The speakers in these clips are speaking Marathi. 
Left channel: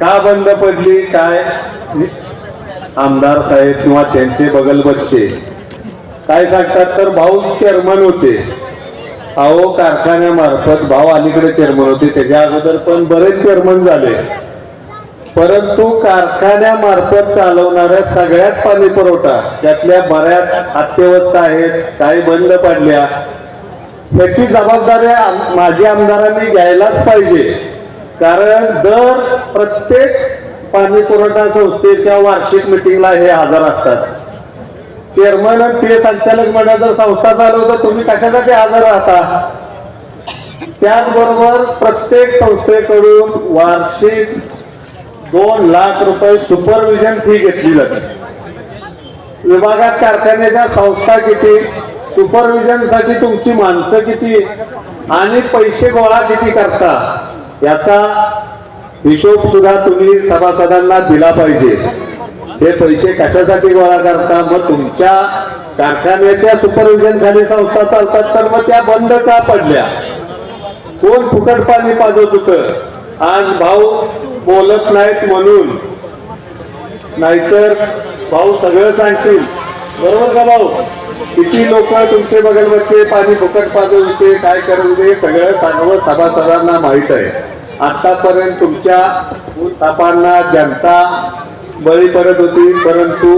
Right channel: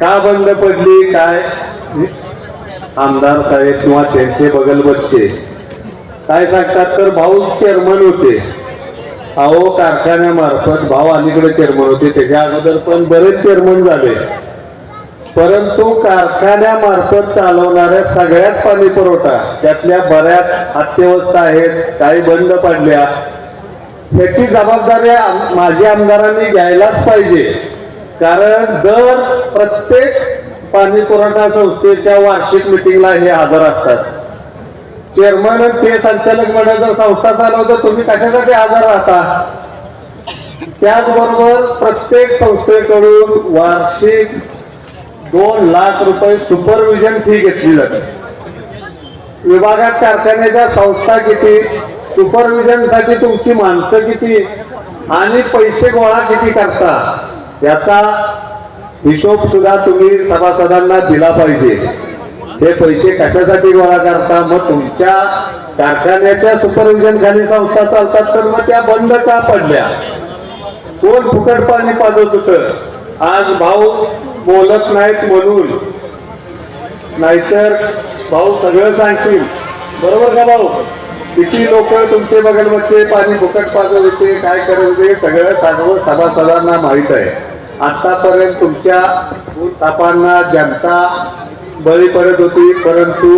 का बंद पडली? काय? आमदार साहेब किंवा त्यांचे बगल बच्चे. काय सांगतात? तर भाऊ चेअरमन होते. अहो कारखान्यामार्फत भाऊ अलीकडे चेअरमन होते. त्याच्या अगोदर पण बरेच चेअरमन झाले. परंतु कारखान्यामार्फत चालवणाऱ्या सगळ्याच पाणी पुरवठा त्यातल्या बऱ्याच अत्यवस्था आहेत काही बंद पडल्या. याची जबाबदारी आम- माजी आमदारांनी घ्यायलाच पाहिजे. कारण दर प्रत्येक पाणी पुरवठा संस्थेच्या वार्षिक मिटिंगला हे हजर असतात. चेअरमन ते संचालक मंडळ जर संस्था चालवतं तुम्ही कशासाठी हजर राहता? त्याचबरोबर प्रत्येक संस्थेकडून वार्षिक दोन लाख रुपये सुपरविजन फी घेतली जाते. विभागात कारखान्याच्या संस्था किती सुपरविजनसाठी तुमची माणसं किती आणि पैसे गोळा किती करता? याचा हिशोब सुद्धा तुम्ही सभासदांना दिला पाहिजे. हे पैसे कशासाठी गोळा करता? मग तुमच्या कारखान्याच्या सुपरविजन खाली संस्था चालतात तर मग त्या बंद का पडल्या? कोण फुकट पाणी पाजत होत? आज भाऊ बोलत नाहीत म्हणून. नाहीतर भाऊ सगळं सांगतील. बरोबर का भाऊ? किती लोक तुमचे बगल पाणी फुकट पाजत होते काय करत होते सगळं सर्व सभासदांना माहीत आहे. आतापर्यंत तुमच्या तापांना जनता बळी पडत होती परंतु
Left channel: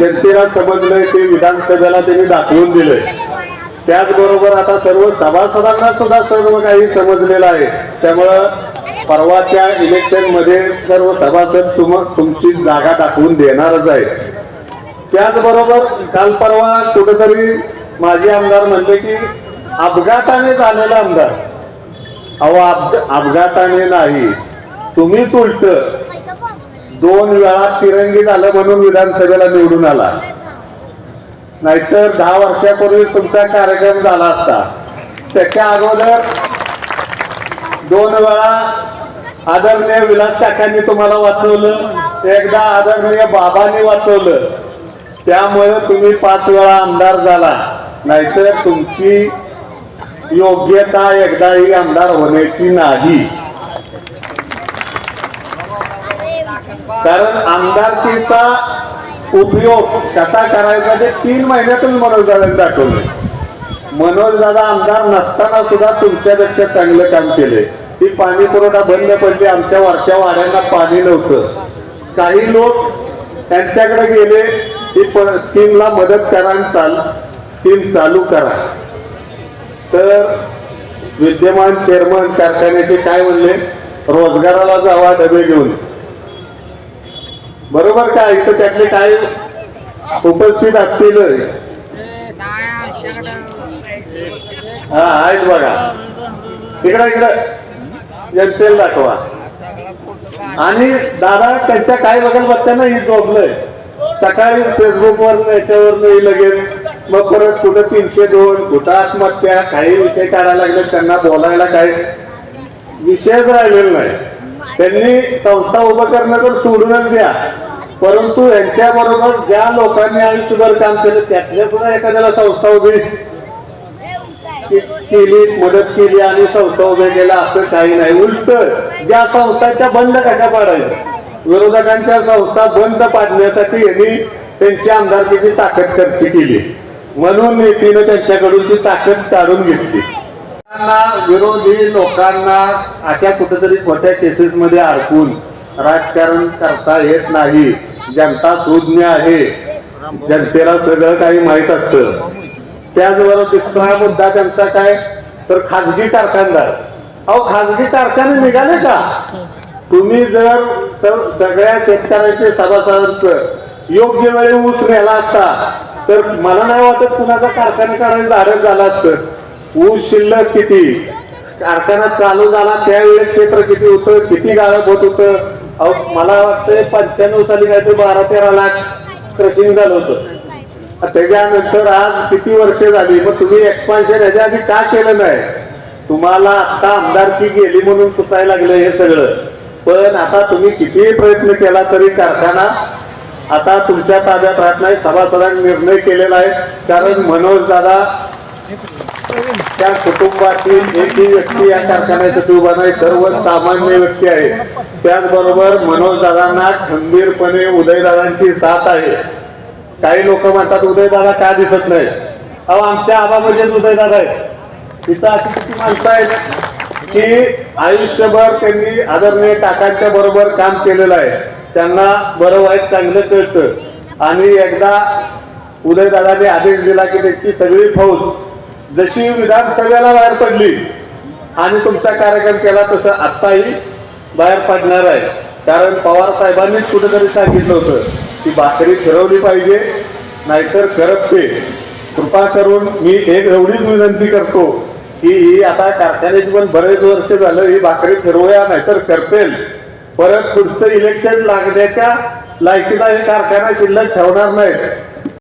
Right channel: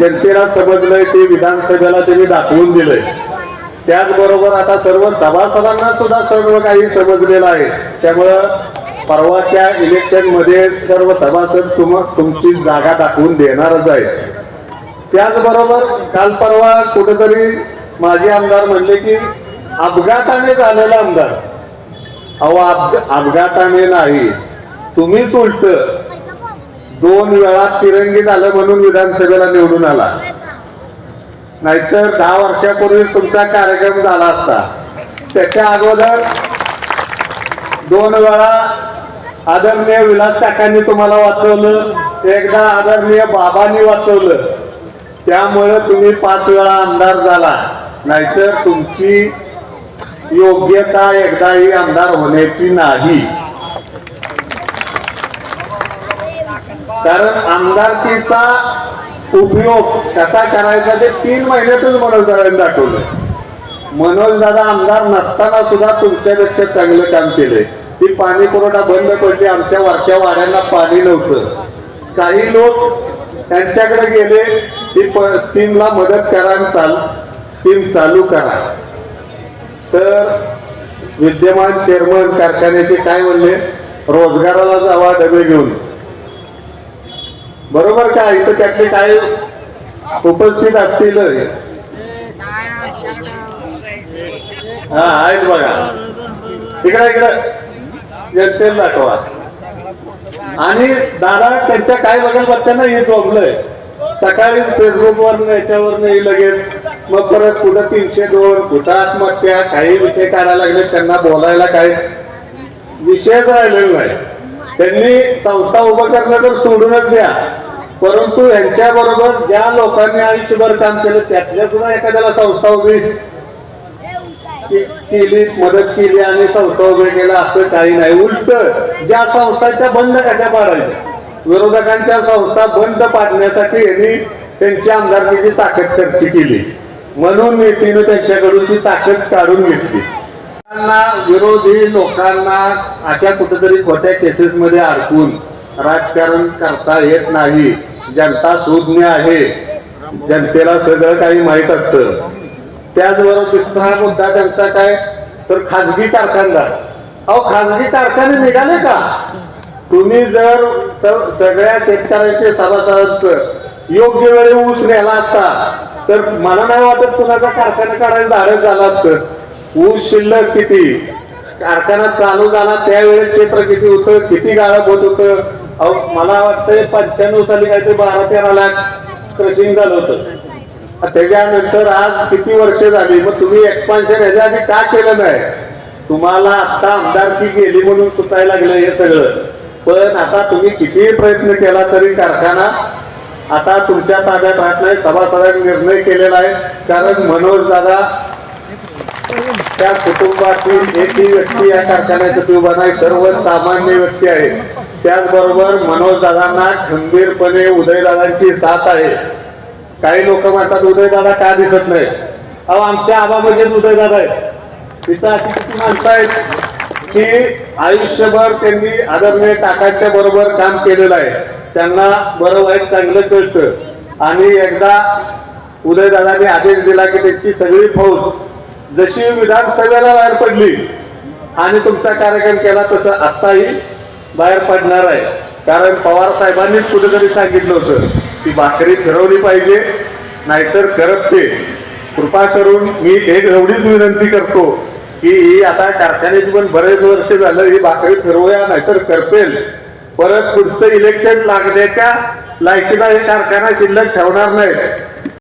जनतेला समजलंय ते विधानसभेला त्यांनी दाखवून दिलंय. त्याचबरोबर आता सर्व सभासदांना सुद्धा सर्व काही समजलेलं आहे. त्यामुळं परवाच्या इलेक्शनमध्ये सर्व सभासद तुमची जागा दाखवून देणारच आहे त्याचबरोबर काल परवा कुठेतरी माजी आमदार म्हणले की अपघाताने झालेला आमदार. अहो अपघाताने नाही. तुम्हीच उलट दोन वेळा तिरंगी झालं म्हणून विधानसभेला निवडून आला. नाहीतर दहा वर्षापूर्वी तुमचा कार्यक्रम झाला असता. त्याच्या अगोदर दोन वेळा आदरणीय विलास काकांनी तुम्हाला वाचवलं एकदा आदरणीय बाबांनी वाचवलं. त्यामुळे तुम्ही पाच वेळा आमदार झाला. नाहीतर तुमची योग्यता एकदाही आमदार होण्याची नाही. कारण आमदारकीचा उपयोग कसा करायचा ते तीन महिन्यातच मनोज दादांनी दाखवलं. मनोज दादा आमदार नसताना सुद्धा तुमच्यापेक्षा चांगलं काम केलंय. ती पाणी पुरवठा बंद पडली आमच्या वरच्या वाड्यांना पाणी नव्हतं. काही लोक त्यांच्याकडे गेले ती स्कीमला मदत करा चाल स्कीम चालू करा. तर विद्यमान चेअरमन कारखान्याचे काय म्हणले? रोजगाराला जावा डबे घेऊन. बरोबर का? इथं त्यातले काय उपस्थित असतील? हा आहेत बघा. इकडं इकडं. जनतेला दाखवा. आणि दादा त्यांच्या काय बघाल बच्चांना हे झोपलंय सकाळी फेसबुकवर याच्यावर लगेच. मग परत कुठं तीनशे दोन कुठं आत्महत्या काही विषय काढायला लागले त्यांना बोलायला काही विषयच राहिलेला नाही. त्यांनी संस्था उभं करणं तर सोडूनच द्या. परंतु यांच्या बरोबर ज्या लोकांनी आयुष्यभर काम केलं त्यातल्या सुद्धा एखाद्याला संस्था उभी केली मदत केली आणि संस्था उभे केला असं काही नाही. उलट ज्या संस्था त्या बंद कशा पाडायच्या? विरोधकांच्या संस्था बंद पाडण्यासाठी यांनी त्यांची आमदारकीची ताकद खर्च केली. म्हणून युतीनं त्यांच्याकडून ती ताकद काढून घेतली. विरोधी लोकांना अशा कुठेतरी खोट्या केसेस मध्ये अडकून राजकारण करता येत नाही. जनता सुज्ञ आहे. जनतेला सगळं काही माहीत असतं. त्याचबरोबर दुसरा मुद्दा त्यांचा काय? तर खाजगी कारखानदार. अहो खाजगी कारखाने निघाले का? तुम्ही जर सगळ्या शेतकऱ्यांचे सभासदांचं योग्य वेळी ऊस नेला असता तर मला नाही वाटत कुणाचा कारखाने काढायला धाडस झाला असतं. ऊस शिल्लक किती? कारखाना चालू झाला त्यावेळेस क्षेत्र किती होतं? किती गाळप होत होतं? अहो मला वाटतं पंच्याण्णव साली काय ते बारा तेरा लाख क्रशिंग झालं होतं. त्याच्यानंतर आज किती वर्ष झाली? मग तुम्ही एक्सपान्शन ह्याच्या आधी का केलं नाही? तुम्हाला आता आमदारकी गेली म्हणून सुटायला लागलं हे सगळं. पण आता तुम्ही कितीही प्रयत्न केला तरी कारखाना आता तुमच्या ताब्यात राहत नाही सभासदांनी निर्णय केलेला आहे. कारण मनोज दादा त्या कुटुंबातील एकही व्यक्ती या कारखान्यासाठी उभा नाही सर्व सामान्य व्यक्ती आहे. त्याचबरोबर मनोज दादांना खंबीरपणे उदयदादांची साथ आहे. काही लोक म्हणतात उदयदादा का दिसत नाही? अहो आमच्या आबामध्येच उदयदादा आहेत. तिथं अशी किती माणसं आहेत? की आयुष्यभर त्यांनी आदरणीय काकांच्या बरोबर काम केलेलं आहे. त्यांना बरं वाईट चांगलं कळतं. आणि एकदा उदयदादाने आदेश दिला की त्यांची सगळी फौज जशी विधानसभेला बाहेर पडली आणि तुमचा कार्यक्रम केला तसं आत्ताही बाहेर पडणार आहे. कारण पवार साहेबांनीच कुठेतरी सांगितलं होतं की भाकरी फिरवली पाहिजे नाहीतर करपते. कृपा करून मी एक एवढीच विनंती करतो की आता कारखान्याची पण बरेच वर्ष झालं ही भाकरी फिरवूया नाहीतर करपेल. परत पुढचं इलेक्शन लागण्याच्या लायकीला हे कारखाना शिल्लक ठेवणार नाहीत.